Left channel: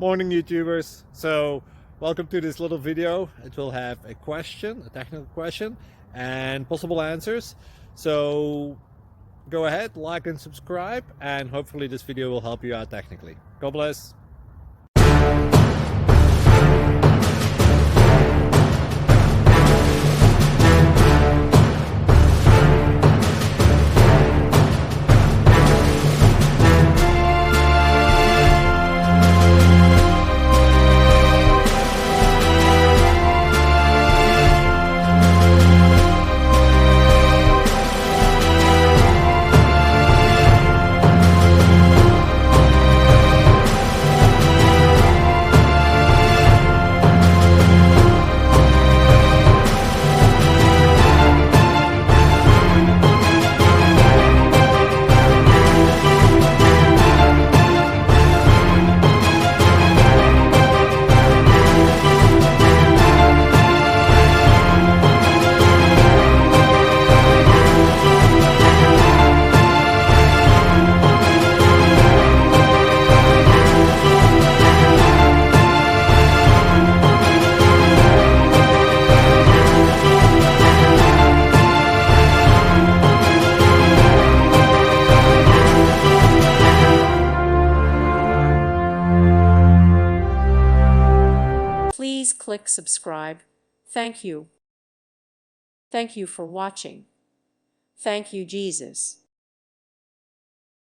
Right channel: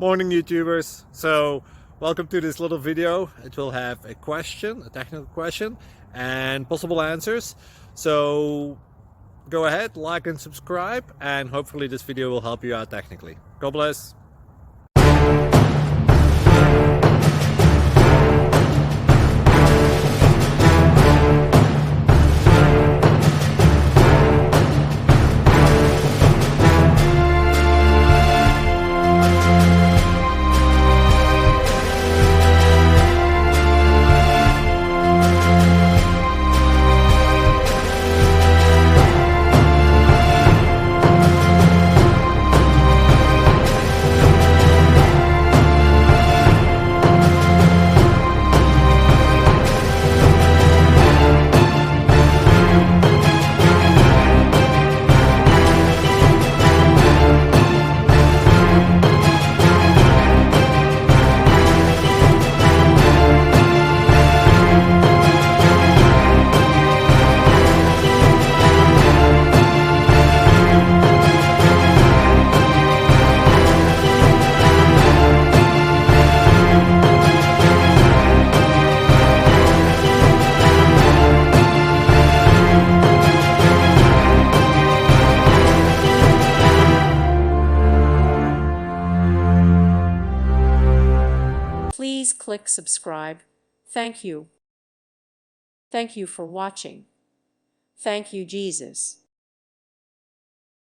Morning YouTubers. So welcome to this little video. It will have a question, a technical question, and possible answers. So go ahead, like and subscribe, and hopefully this video will help you out technically. God bless. Please click subscribe. Thank you. Thank you for watching. Thank you, Jesus.